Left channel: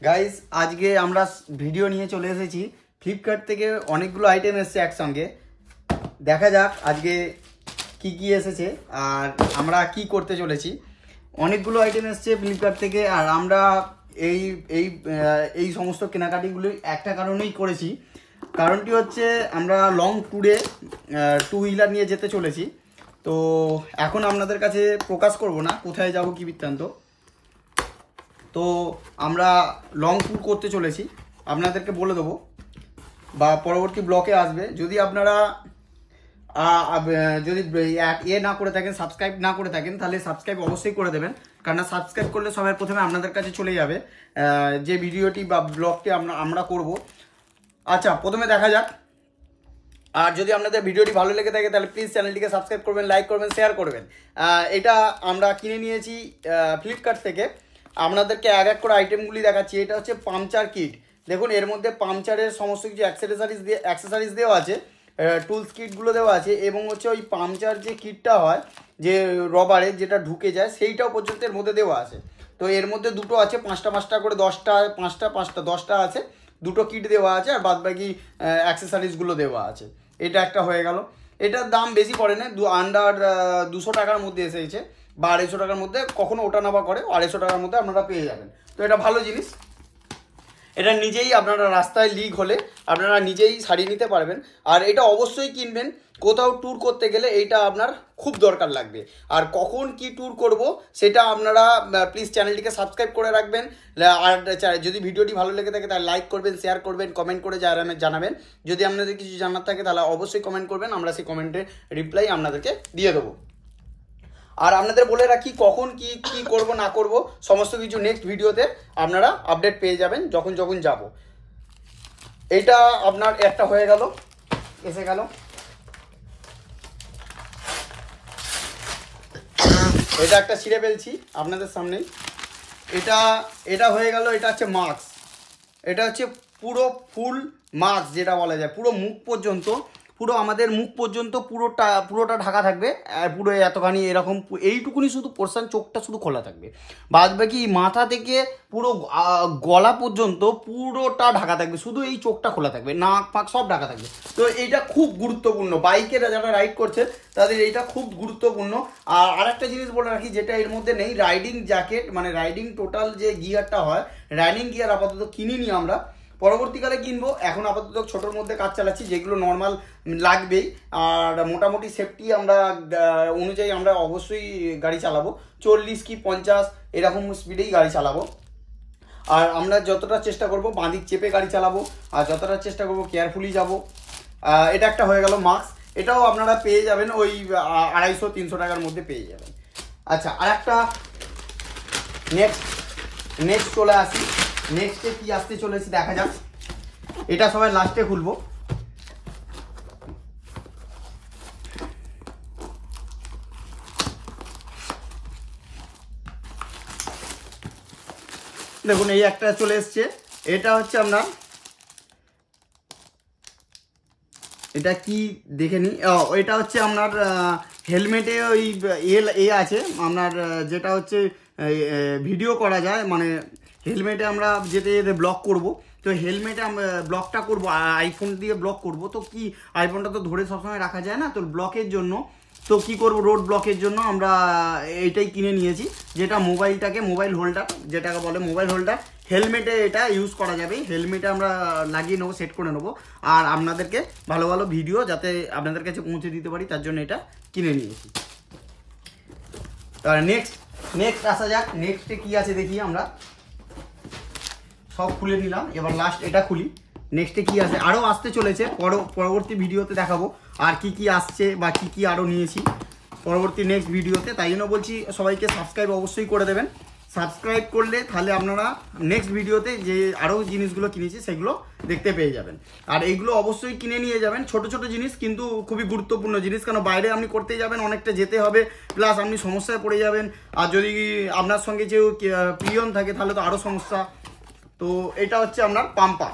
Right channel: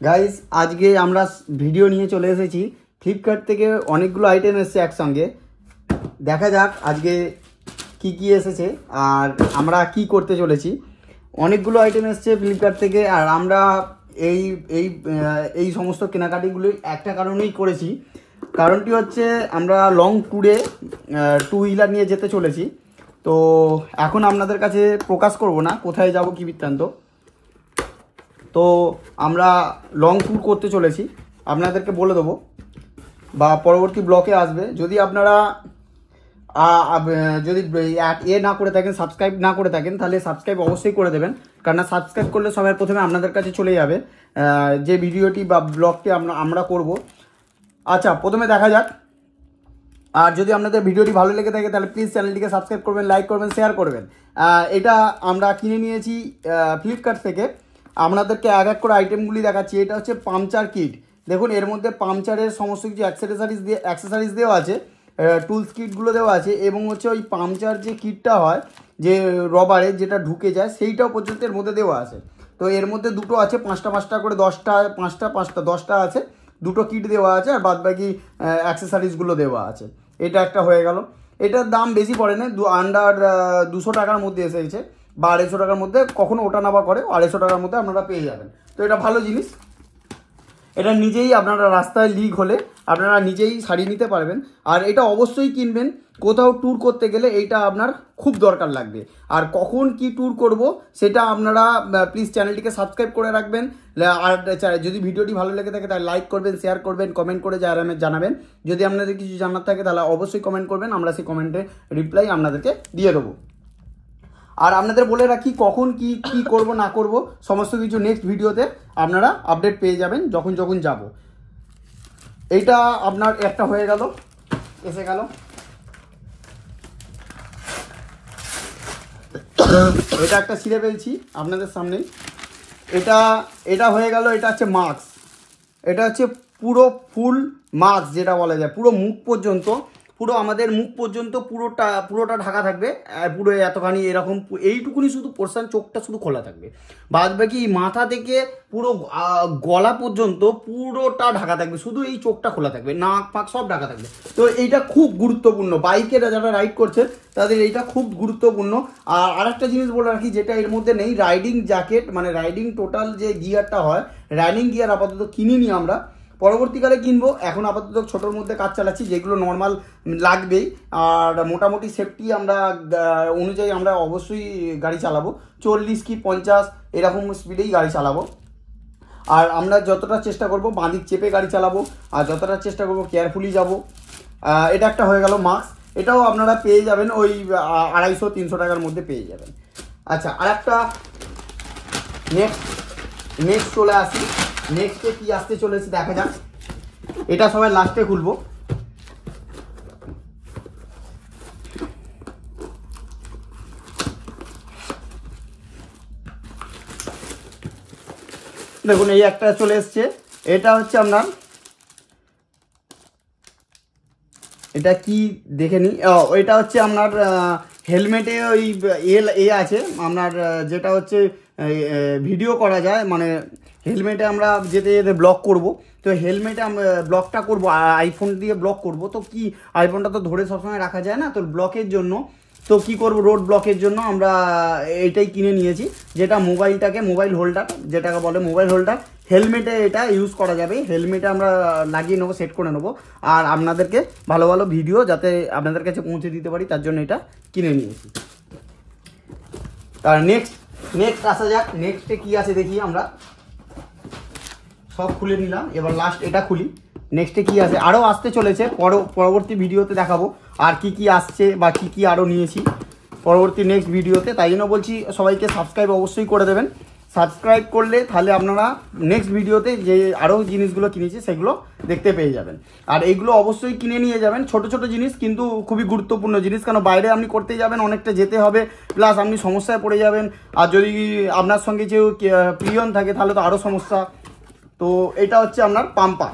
Guys আজকে আমরা video নিয়ে চলে এসেছি ফ্লিপকার্ট থেকে। অনেকগুলো আইটেম এসেছে একসঙ্গে। দেখা যাক আজকে কি কি এসেছে আর আমরা কি করতে চলেছি। অনেকগুলো আইটেম এসেছে ফ্লিপকার্ট থেকে আর আমরা এই এই এই সমস্ত কেনাকাটিগুলো একটা কারণেই করেছি। কারণটি হচ্ছে আমরা লং ট্যুরে টু হুইলার নিয়ে যেতে চলেছি। তো এখন আপনাদের কাছে প্রকাশ করব না কোথায় যাব কি বৃত্তান্ত। তো আমরা লং ট্যুর করতে চলেছি, আপনাদেরকে বলে দেবো বা পরবর্তী ব্লকে আসবে। যদি আপনারা যদি না করে থাকেন, সাবস্ক্রাইব না করে থাকেন, তাহলে সাবস্ক্রাইব অবশ্যই করে দেবেন। কারণ সাবস্ক্রাইব করলে সবার প্রথমে আপনাদের কাছে চলে যাবে যে ভিডিওটি বা ব্লগটি আমরা করব। আচ্ছা, প্রথমে দেখা যাক। আর যদি আপনাদের ভিডিওটি ভালো লেগে থাকে তাহলে প্লিজ চ্যানেলটিকে সাবস্ক্রাইব করবেন, লাইক করবেন, শেয়ার করবেন। এটা আমরা কিনে নিয়েছি ফ্লিপকার্ট থেকে। আপনাদেরকে এক এক করে আইটেমগুলি দেখাচ্ছি। এটা হচ্ছে পাংচার কিট। দেখুন, এর মধ্যে পাংচারের সমস্ত কিছু অ্যাক্সেসরিজ দেওয়া আছে, টুলস কিটগুলো দেওয়া আছে, এবং হচ্ছে ওই পাংচার যে কিটটা হয় যে রবারে যেটা ঢুকে যায় সেইটাও পর্যন্ত এর মধ্যে দেওয়া আছে। তো এর মধ্যে দুটো আছে, 5টা করে 10টা আছে, দুটো কিট দেওয়া আছে আর বাদ বাকি অ্যাক্সেসরিজগুলো দেওয়া আছে। এটা একটা হয়ে গেল। এটার দাম বেশি পড়ে না, আন্ডার 200 টাকার মধ্যে এসেছে বা 250 টাকার মধ্যে, কখনো ওটা নামা করে 250 টাকার মধ্যে আপনারা পেয়ে যাবেন। তো এটা ভালো জিনিস। এটা নিজেই আপনারা রাস্তায় লিক হলে আপনারা নিজেই সারিয়ে নিতে পারবেন। আর এটা অবশ্যই কিনবেন, কোথাও ট্যুর করতে গেলে এইটা আপনার খুব দরকার লাগবে। আর কখন কি ট্যুর করব সেটা আপনারা প্লিজ চ্যানেলটিকে সাবস্ক্রাইব করে রাখবেন। আর যদি ভিডিওটি ভালো লেগে থাকে তাহলে লাইক করবেন, শেয়ার করবেন, কমেন্ট করে জানাবেন। যদি আপনাদের কিছু জানার থাকে তাহলে অবশ্যই কমেন্ট করবেন, আমরা সেই কমেন্টের রিপ্লাই আপনাদেরকে দিয়ে দেবো। আর আপনাদের বলে রাখি কখন কি কি করব না করব সমস্ত কিছু নেক্সট ভিডিওতে আপনারা আপডেট পেয়ে যাবেন যখন যখন যাব। এটা আপনার একটা হয়ে গেল, এসে গেল। এটা একটা ছিঁড়ে ফেলছি আপনাদের সামনে। এটা হয়ে গেল। এটা হচ্ছে মাস্ক। এটা হচ্ছে পুরো ফুল মাস্ক যেটা বলা যায়, পুরো মুখ পর্যন্ত, পুরো আমাদের মুখ পর্যন্ত পুরোটা ঢাকা থাকবে। পুরো এতখানি এরকম এইটুকুনি শুধু পোর্শন, চোখটা শুধু খোলা থাকবে। বাদ বাকি মাথা থেকে পুরো গলা পর্যন্ত পুরোটা ঢাকা থাকবে, শুধু এই চোখটা খোলা থাকবে, নাক ফাঁক সব ঢাকা থাকবে। তো এইটা খুব গুরুত্বপূর্ণ, বাইকে যারা রাইড করছে তাদের এইটা খুব গুরুত্বপূর্ণ। আর আরেকটা জিনিস বলে রাখি যেটা এর মধ্যে নেই, রাইডিং জ্যাকেট, মানে রাইডিং টোটাল যে গিয়ারটা হয়, রাইডিং গিয়ার আপাতত কিনিনি আমরা, পরবর্তীকালে কিনবো। এখন আপাতত ছোটোর মধ্যে কাজ চালাচ্ছি, যেগুলো নর্মাল লাগবেই। আর মোটামুটি সেফটি আমরা অনুযায়ী আমরা অবশ্যই গাড়ি চালাবো, 40 কি 50 এরকম স্পিডেই গাড়ি চালাবো। আর আমরা যতটা চেষ্টা করবো বাঁদিক চেপে গাড়ি চালাবো, আর যতটা চেষ্টা করবো কেয়ারফুলি যাব। এটা একটা হয়ে গেল মাস্ক। এটাও আপনারা পেয়ে যাবেন ওই 250-300 টাকার মধ্যে পেয়ে যাবেন। আচ্ছা, আর একটা নেক্সট চলে আসি। নেক্সটে কি আসতে চলেছে দেখা যাক। এটা সবাই লাস্টে খুলবো। দেখুন, এই একটা চলে এসছে। এটা হচ্ছে আপনার, এটা কি দেখে নি, এটা হচ্ছে আপনার হেলমেটে ওই এ আছে আপনার, যেটা হচ্ছে ভিডিও করা যায়, মানে হেলমেটে আমরা যেতে যেতে ব্লক করব। তো হেলমেটে আমরা ব্লকটা করব, আইফোন দিয়ে ব্লক করব। তো কি আইফোনটা তো ধরে সবসময় রাখা যায় না, তো ব্লকের জন্য তো কি করব, রোড ব্লকের জন্য আমরা এইটাই কিনে নিয়েছি, যেটা মোবাইল হোল্ডার যেটাকে বলে, মোবাইল হোল্ডার। হেলমেটে এটা ইউজ করা যাবে, হেলমেটে আমরা লাগিয়ে নেবো, সেট করে নেবো। আর আপনাদেরকে ভালো ভালো ভিডিও যাতে আপনাদের কাছে পৌঁছে দিতে পারি তার জন্য এটা কিনে নিয়েছি। তার নেক্সট আসা যাক। নেক্সটে কি আছে দেখি। আমরা সব খুলে নিলাম, এবার লাস্ট এটা খুলি। নেক্সটে কি আছে, আরও আসতে চলেছে, পরবর্তী ভিডিওতে দেখাবো আর কি আসছে বা কি আরও নিয়েছি পরবর্তী নেক্সট ভিডিওতে। তাই জন্য বলছি সবাইকে সাবস্ক্রাইব অবশ্যই করে দেবেন। সাবস্ক্রাইব করলে তাহলে আপনারা নেক্সট ভিডিওতে যে আরও জিনিসগুলো কিনেছি সেগুলো দেখতে পেয়ে যাবেন। আর এইগুলো অবশ্যই কিনে নিয়ে যাবেন, ছোট ছোট জিনিস কিন্তু খুবই গুরুত্বপূর্ণ জিনিস। কেন বাইরে আপনি করতে যাবেন, অনেকটা যেতে হবে, প্লাস আপনি সমস্যায় পড়ে যাবেন। আর যদি আপনার সঙ্গে কেউ প্রিয়ন থাকে তাহলে তো আরও সমস্যা। তো এটা হচ্ছে আপনার পাম্পার।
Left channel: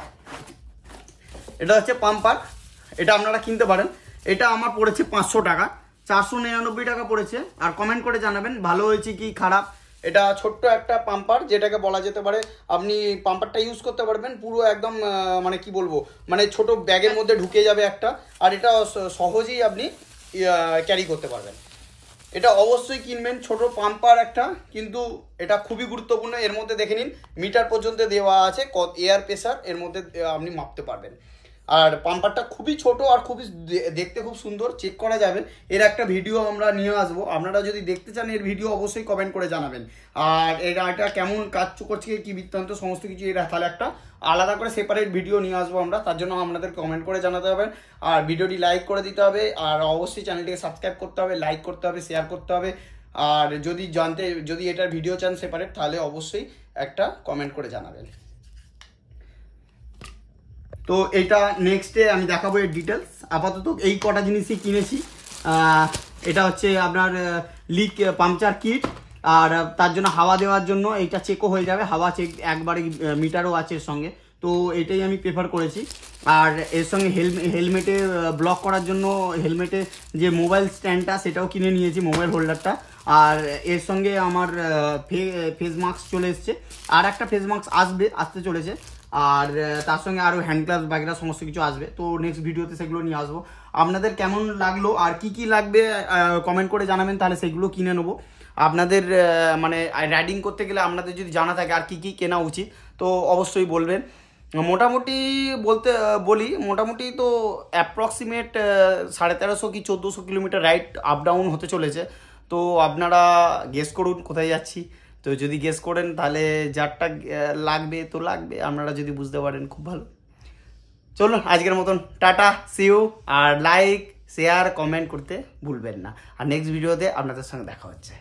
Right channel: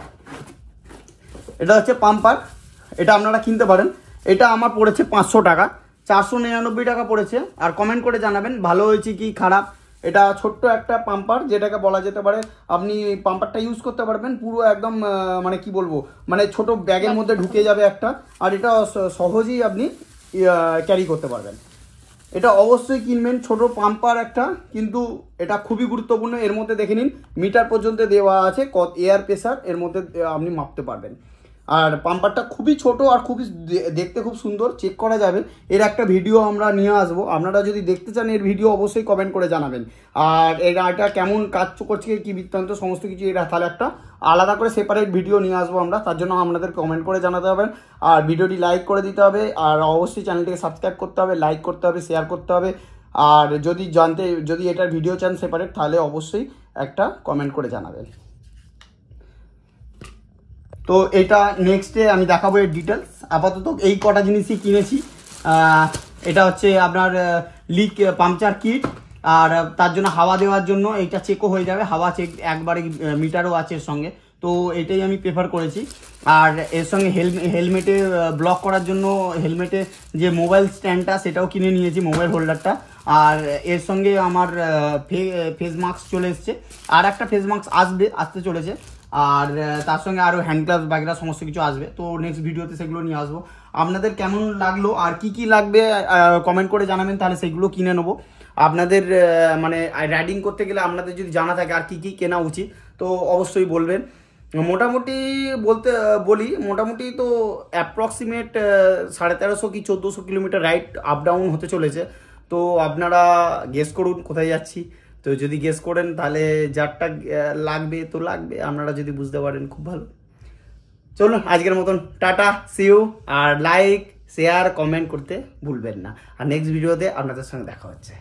এটা আপনারা কিনতে পারেন। এটা আমার পড়েছে 500 টাকা, 499 টাকা পড়েছে। আর কমেন্ট করে জানাবেন ভালো হয়েছে কি খারাপ, এটা ছোট্ট একটা পাম্পার, যেটাকে বলা যেতে পারে আপনি পাম্পারটা ইউজ করতে পারবেন পুরো একদম মানে কি বলবো, মানে ছোট ব্যাগের মধ্যে ঢুকে যাবে একটা, আর এটা সহজেই আপনি ক্যারি করতে পারবেন। এটা অবশ্যই কিনবেন, ছোট পাম্পার একটা, কিন্তু এটা খুবই গুরুত্বপূর্ণ। এর মধ্যে দেখে নিন মিটার পর্যন্ত দেওয়া আছে, কত এয়ার প্রেসার এর মধ্যে আপনি মাপতে পারবেন। আর পাম্পারটা খুবই ছোট আর খুবই দেখতে খুব সুন্দর, চেক করা যাবে। এর একটা ভিডিও আমরা নিয়ে আসবো, আপনারা যদি দেখতে চান এর ভিডিও অবশ্যই কমেন্ট করে জানাবেন। আর এটা কেমন কাজ করছে, কি বৃত্তান্ত সমস্ত কিছু, এটা তাহলে একটা আলাদা করে সেপারেট ভিডিও নিয়ে আসবো আমরা, তার জন্য আপনাদের কমেন্ট করে জানাতে হবে। আর ভিডিওটি লাইক করে দিতে হবে, আর অবশ্যই চ্যানেলটিকে সাবস্ক্রাইব করতে হবে, লাইক করতে হবে, শেয়ার করতে হবে। আর যদি এটার ভিডিও চান সেপারেট, তাহলে অবশ্যই একটা কমেন্ট করে জানাবেন। তো এটা নেক্সটে আমি দেখাবো এর ডিটেলস। আপাতত এই কটা জিনিসই কিনেছি। এটা হচ্ছে আপনার লিক পাংচার কিট, আর তার জন্য হাওয়া দেওয়ার জন্য এইটা চেকও হয়ে যাবে, হাওয়া চেক একবারে মিটারও আছে এর সঙ্গে, তো এটাই আমি প্রেফার করেছি। আর এর সঙ্গে হেলমেটে ব্লক করার জন্য হেলমেটে যে মোবাইল স্ট্যান্ডটা সেটাও কিনে নিয়েছি, মোবাইল হোল্ডারটা। আর এর সঙ্গে আমার ফেস মাস্ক চলে এসছে, আর একটা ফেস মাস্ক আসতে চলেছে, আর তার সঙ্গে আরও হ্যান্ড গ্লাভস বাগেরা সমস্ত কিছু আসবে। তো নেক্সট ভিডিওতে সেগুলো নিয়ে আসবো। আপনাদের কেমন লাগলো আর কি কি লাগবে কমেন্ট করে জানাবেন, তাহলে সেগুলো কিনে নেবো। আপনাদের মানে রাইডিং করতে গেলে আপনাদের যদি জানা থাকে আর কি কি কেনা উচিত, তো অবশ্যই বলবেন। মোটামুটি মোটামুটি তো অ্যাপ্রক্সিমেট 1350 কি 1400 কিলোমিটার রাইড আপ ডাউন হতে চলেছে। তো আপনারা গেস করুন কোথায় যাচ্ছি। তো যদি গেস করেন তাহলে যারটা লাগবে তো লাগবে, আপনারা যদি বুঝতে পারেন খুব ভালো। চলুন আজকের মতন টাটা, সিউ। আর লাইক শেয়ার কমেন্ট করতে ভুলবেন না, আর নেক্সট ভিডিওতে আপনাদের সঙ্গে দেখা হচ্ছে।